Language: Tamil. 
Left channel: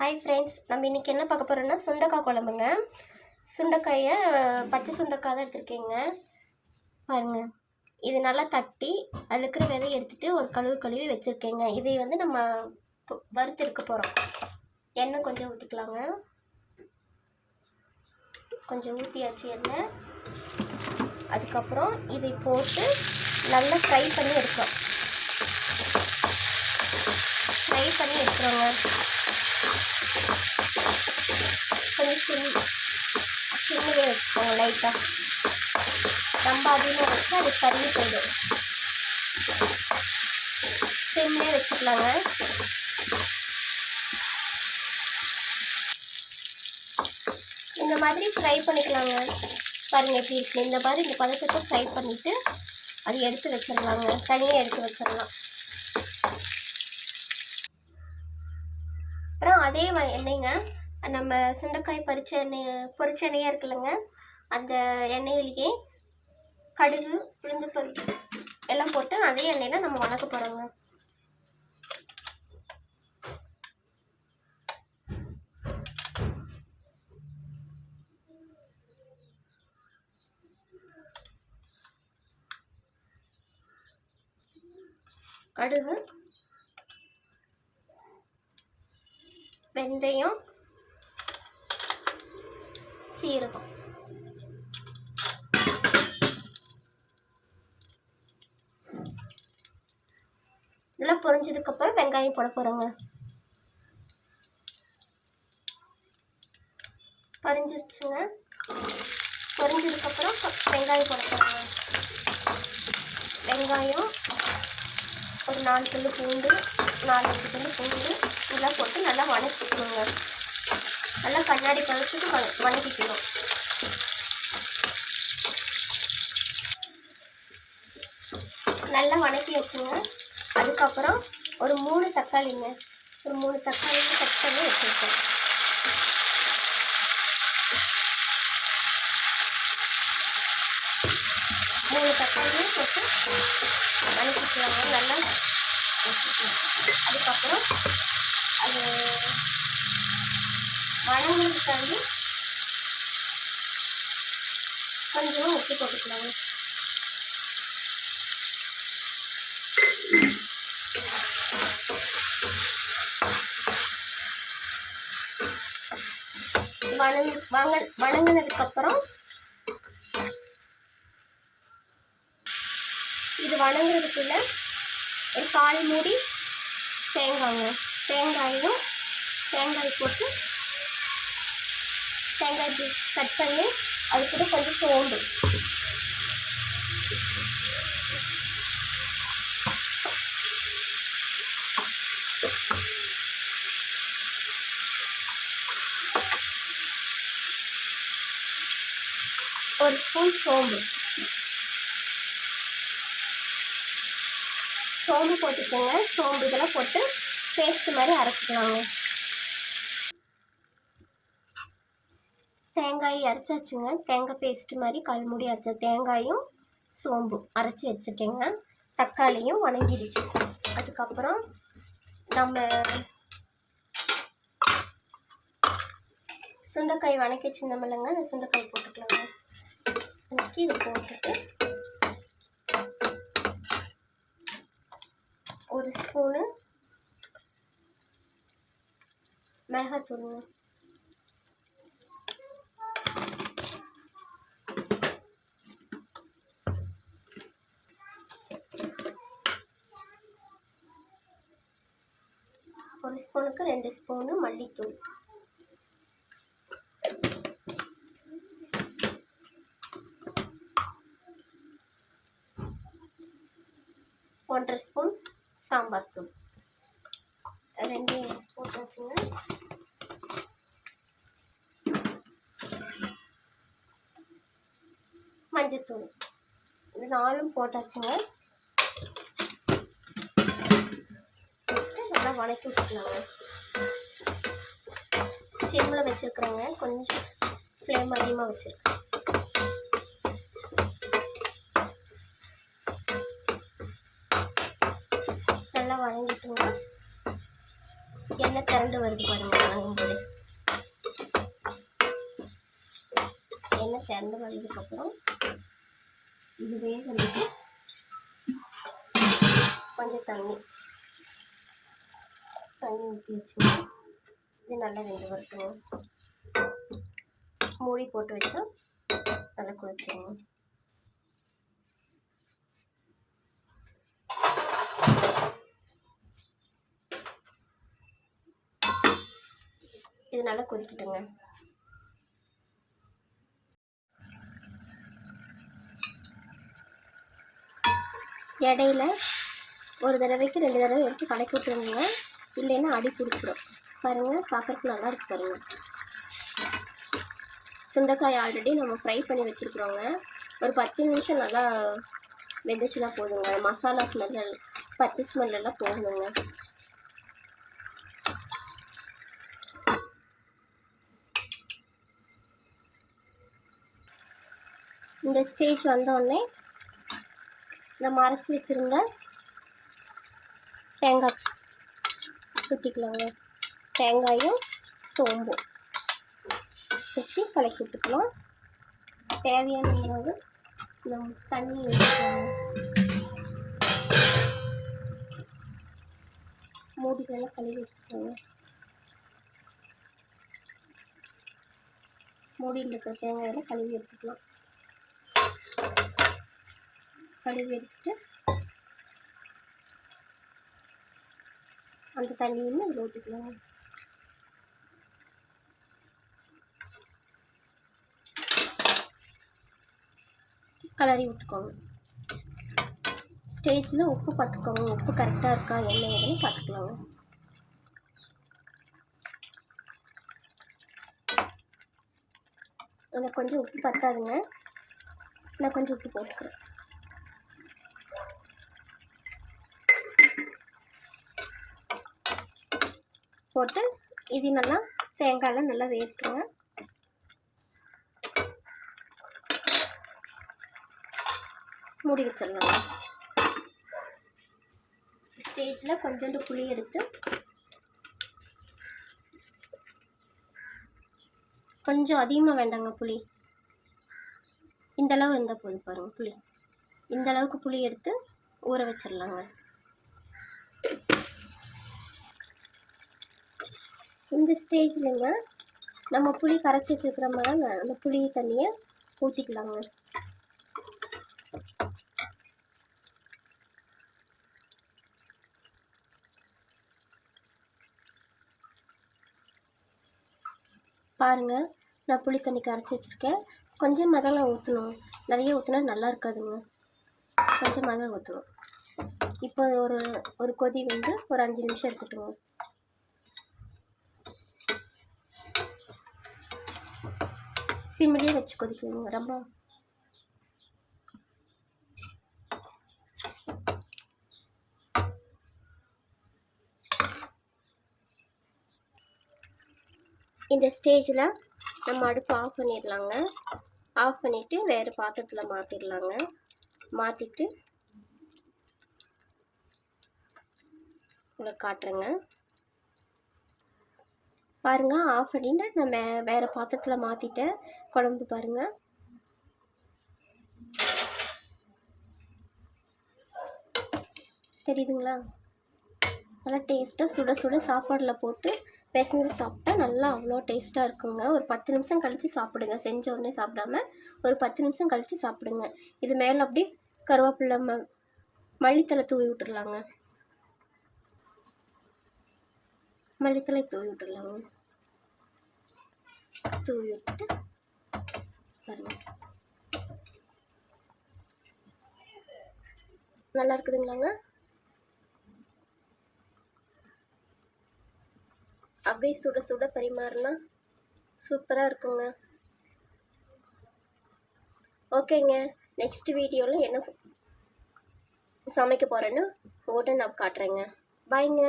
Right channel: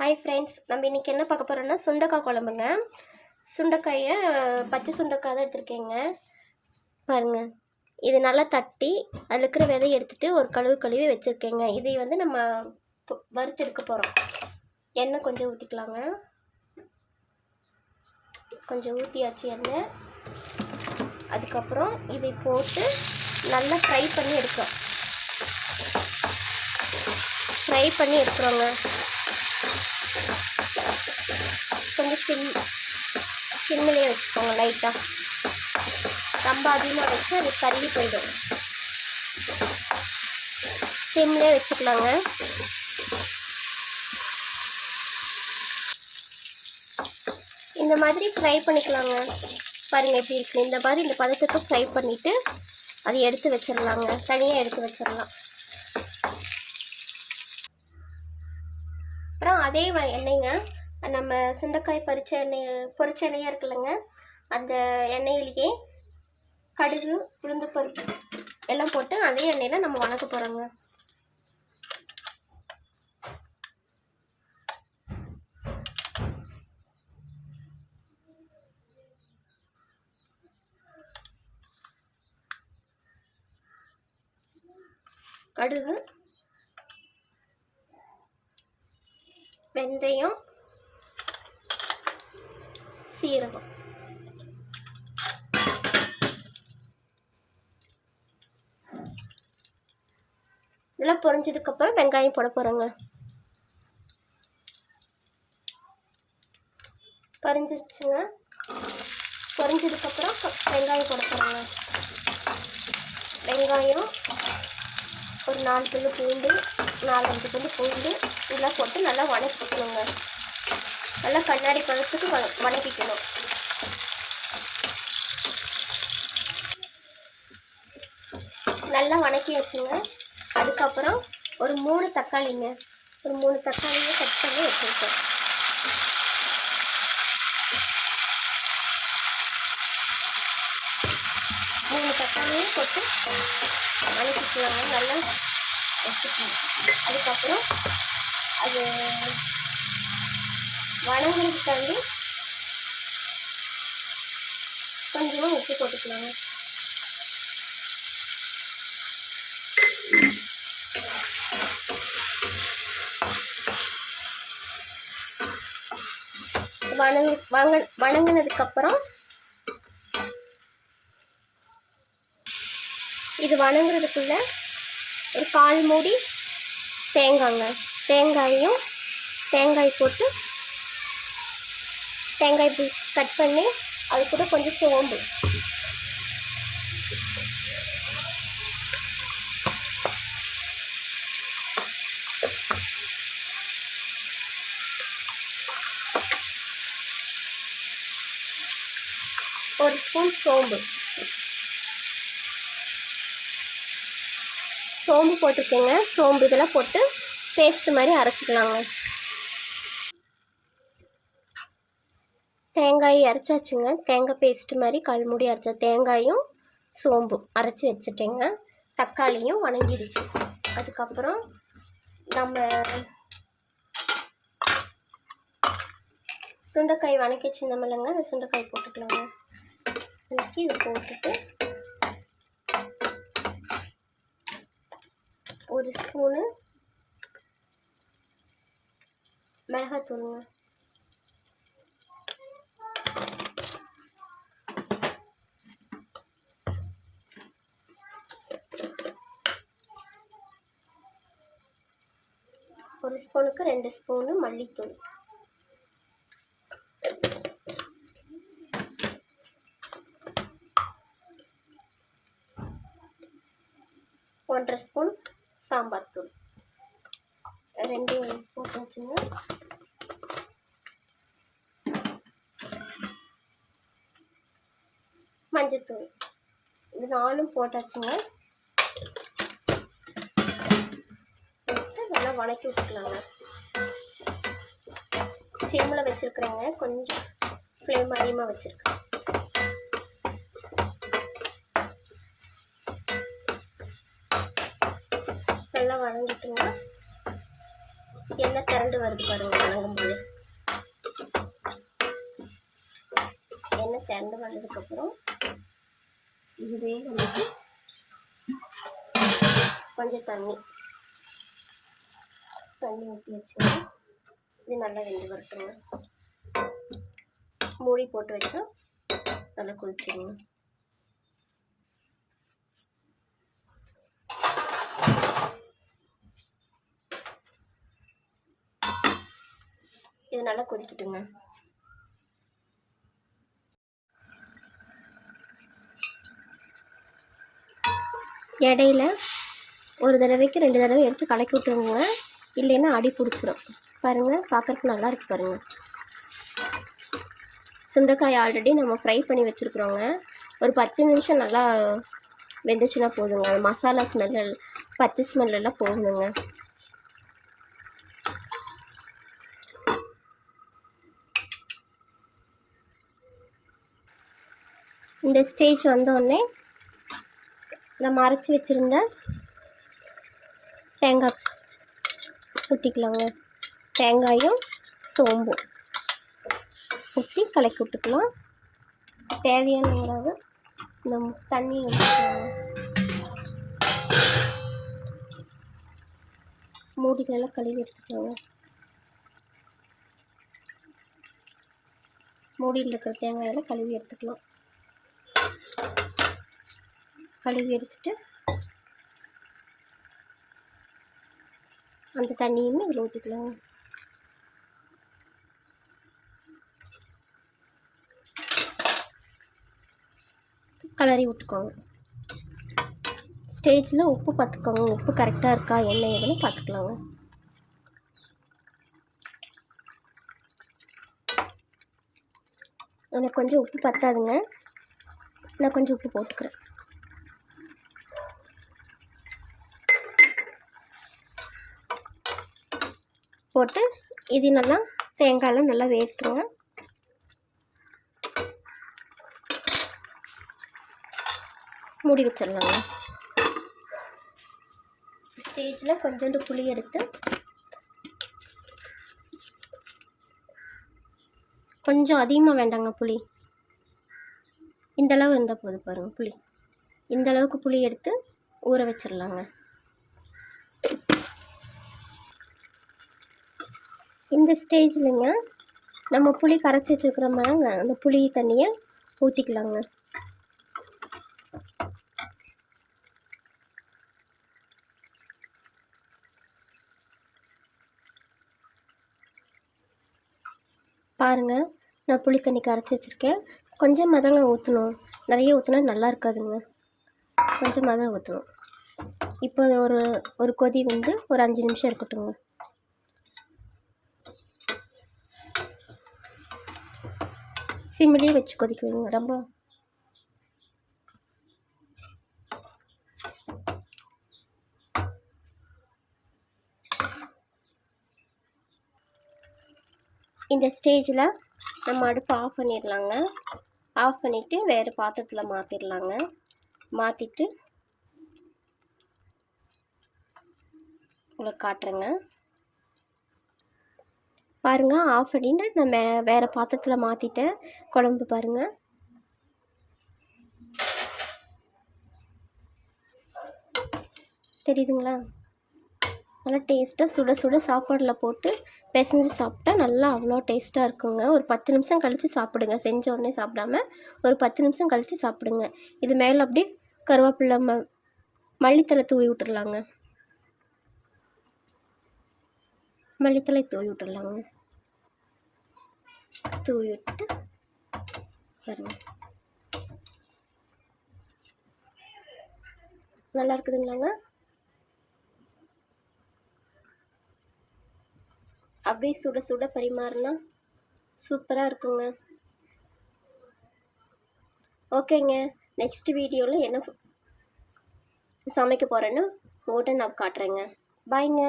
ஹாய் ஃப்ரெண்ட்ஸ் நம்ம இன்றைக்கி என்ன பார்க்க போகிறோம்னா சுண்டக்காய் குழம்புங்க. சுண்டைக்காயை பச்சை சுண்டைக்காய் தான் எடுத்திருக்கேங்க. பாருங்கள் இது நல்லா தட்டி அதில் இருக்கிற விதையை எடுத்துகிட்டு ஒரு கழுவு கழுவி வச்சுருக்கேங்க. இதை வந்து நம்ம வறுத்து எடுக்க போகிறோம் எண்ணெய் கொஞ்சம் ஊற்றிக்கலாங்க கொஞ்சம் ஊற்றியாச்சு எண்ணெய். அதுக்கப்புறம் இதை போட்டு நல்லா ஃப்ரை பண்ணி எடுக்கிறோம் ஃப்ரை பண்ணி எடுக்கிறோங்க கொஞ்சம் சிம் சிம்மிலே வச்சுக்கோங்க லைட்டாக ரொம்ப அதிகமாக வச்சு அது கருகி போயிடும் சிம்லேயே வச்சுக்கலாங்க இந்த மாதிரி ஃப்ரை பண்ணிக்கலாங்க. பாருங்க எப்படி இருக்கு இந்த மாதிரி இந்த பதத்துக்கு ஃப்ரை பண்ணிவிட்டு அதை எடுத்து வச்சிடலாங்க. தனியாக எடுத்து வச்சிடலாம். அப்புறம் அதே எண்ணெய்ங்க. நம்ம சுண்டைக்காய் பறிச்ச எண்ணெய் பொரிச்ச எண்ணெயாக இருக்குல்லங்க. அந்த எண்ணெயிலேயே கடுகு உளுந்து பருப்பு எல்லாம் போட்டு அதே எண்ணெயில் நம்ம வணக்க போகிறோங்க கடுகு வெந்தயம் சீரகம். இதெல்லாம் பொரிஞ்சதுக்கப்புறம் வெங்காயம் போட போகிறோங்க பறிஞ்சிருச்சுங்க. பொரிஞ்சதுக்கப்புறம் வெங்காயம் போட போகிறோங்க வெங்காயம் ஒரு நாலு துண்டு பூண்டு நாலு அஞ்சு துண்டு பூண்டு இதெல்லாம் போட்டு நல்லா வணக்கிக்கணுங்க நல்லா கண்ணாடி பழத்துக்கு வணக்கிக்கணும் நல்லா வணக்கி வச்சுங்க. அதுக்கப்புறம் ஒரு மூணு தக்காளிங்க. ஒரு மூணு தக்காளியை கட் பண்ணி வச்சுருக்கேன். மூணு தக்காளியும் போட்டு வணக்கிக்கலாங்க நல்லா வச்சுக்கணும் அதுக்கப்புறம் அது வணங்குறதுக்காண்டி கொஞ்சமாக உப்பு போட்டுக்கலாங்க. வணங்கு வணங்க வணங்கினதுக்கப்புறம் இது வணங்குறதுக்குள்ள ஒரு கால் மூடி தேங்காங்க. தேங்காயும் தேங்காய் போட்டு தேங்காய் இப்படி கட் பண்ணி அது கூட கொஞ்சம் சோம்பு. ஒரு ஸ்பூன் சோம்பு. சோம்பு போட்டுக்கோங்க. சோம்பு இதெல்லாம் போட்டு பேஸ்ட் மாதிரி அரைச்சிக்கலாங்க. தேங்காயை அரைச்சாச்சுங்க. தேங்காய் பேஸ்ட் மாதிரி கல்முடி அரைச்சா தேங்காயும் சோம்பும் அரைச்சி வச்சுட்டேங்க. தக்காளியும் வணங்கிடுச்சு. அதுக்கப்புறம் நம்ம சுண்டைக்காய் வணக்கி வச்சுருந்தோமில்லங்க அந்த சுண்டைக்காய் போட்டுக்கலாங்க. வணக்கி இது போட்டுட்டு ஒரு ஸ்பூனு மிளகாத்தூளுங்க. ஒரு ஸ்பூனுக்கு ரெண்டு ஸ்பூனு மல்லித்தூள். ஒன்றரை ஸ்பூன் சாம்பார் தூள். ரெண்டு போட்டு வச்சுங்க மஞ்சத்தூள். இது நாலும் போட்டாச்சுங்க போட்டு நல்லா வணக்கி விட்டுக்கலாங்க. சிம்மில் வச்சுருக்குறேங்க கொஞ்சம் ஃப்ளேம் அதிகமாக வச்சுருக்கேன். நல்லா வணங்கிட்டுங்க. எண்ணெய் திரண்டு வருது பாருங்க வணங்கும்போது. எண்ணெய் திரண்டு வந்ததுக்கப்புறம் இதுவே வந்துட்டு கொஞ்சம் தண்ணி. தண்ணி ஊற்றி வச்சுங்க இது நல்லா வெந்து வரட்டுங்க மூடி போட்டு வச்சா நல்லா குளிச்சிருங்க இது நல்லா கொதிக்கட்டுங்க. இடையில ஒரு தடவைக்கு ரெண்டு தடவை எடுத்து கலக்கி விட்டுருங்க. இல்லைன்னா அடி பிடிச்சிரும் பாருங்கள் பார்க்குறதுக்கு நல்லாயிருக்கு பாருங்கள் சுண்டைக்காய் ஆல்ரெடி நம்ம ஃப்ரை பண்ணி வச்சுருக்குறோங்க. ஒரு பத்து நிமிஷம் நல்லா வெந்துச்சுன்னா போதுங்க. மசாலா ஸ்மெல் பச்சை ஸ்மெல்லாம் போகணுங்க இந்த ஸ்டேஜ் வந்தோடனே நம்ம அரைச்சி வச்சுருந்த தேங்காய் ஊற்றிக்கலாங்க தேங்காயும் சோம்பும். ஊற்றி கலக்கி விட்டுக்கலாம். தேவையான அளவு இந்த தண்ணி ஊற்றிக்கலாங்க மூடிகளெல்லாம் கழுவி எடுத்துக்கலாங்க மூடியில் இருக்கிற தேங்காயெல்லாம் கழுவி எடுத்துக்கலாம். கழுவி எடுத்துட்டு அந்த தண்ணியுமே இதில் ஊற்றிக்கலாம். கலரி விட்டுக்கோங்க. ஸ்டேஜில் உப்பு பார்த்துக்கோங்க. உப்பு கரெக்டாக இருக்கா என்ன ஏதுன்னு பார்த்துக்கலாங்க. எனக்கு கொஞ்சம் உப்பு பத்தாதுங்க. நான் கொஞ்சம் உப்பு போட்டுக்கிறேன். போட்டு இது நல்லா தேங்காயெல்லாம் நல்லா வேட்டுருங்க மூடி வச்சிடலாங்க ஸ்டேஜில் கொஞ்சோண்டு புளி எடுத்து கொஞ்சம் அதிகமாக வேண்டாங்க புளி. இந்த அளவு இருந்தால் போதும் பாருங்கள் புளி. இந்தளவுக்கு புளி எடுத்து ஊற வச்சிடலாங்க. இந்த ஸ்டேஜ்லங்க நம்ம புளி கரைச்சி வச்சுருக்கிறோமாங்க அந்த புளி தண்ணியை ஊற்றிக்கலாங்க பாருங்கள் நான் புளி தண்ணி கரைச்சி வச்சுருக்கேன். கொஞ்சமாக தாங்க ஊற்றணும் நிறைய ஊற்றினா நல்லா இருக்காதுங்க. கொஞ்சமாக தான் ஊற்றணும் இப்போ ஒரு ஒரு கொதி வந்து ஒரு அஞ்சு நிமிஷம் இருக்கட்டுங்க. சிம்மிலே வச்சு கொதிக்க வைங்க ரொம்ப இந்த ஸ்டேஜில் நம்ம அடுப்பு ஆஃப் பண்ணிடலாங்க. ஆஃப் பண்ணிவிட்டு வேறு பாத்திரத்தில் மாற்றிடலாங்க மாற்றிட்டு உங்களுக்கு காட்டுறேங்க. பாருங்கள் ஆஃப் பண்ணிட்டு நான் மே வேறு பாத்திரத்தில் மாற்றிட்டேன் குழம்பு பாருங்கள் தெரியுதுங்களா? நல்லா டேஸ்ட்டாக சுட சுட சாப்பாடில் போட்டு பிசைஞ்சு சாப்பிட்டா நல்லா அவ்வளோ டேஸ்ட்டாக இருக்குங்க. ஒரு பத்து நிமிஷம் கழித்து சாப்பிடுங்க. செஞ்ச உடனே சாப்பிடாம ஒரு பத்து நிமிஷம் கழித்து சாப்பிடுங்க. இது மேலே அப்படியே கருவேப்பிலை ம மல்லித்தலை தூவி விட்டுடலாங்க. மல்லித்தலை தூவி விட்டுடலாங்க தூவி விட்டு பாருங்க நல்லா இருக்குதுங்களாங்க அப்படியே சுட சுட பரிமாறினா சூப்பராக இருக்குங்க ஓகேங்க நெக்ஸ்ட் வீடியோவில் என்ன சமைக்க போகிறேன்னு உங்கள்கிட்ட நான் காட்டுறேங்க பாய்ங்க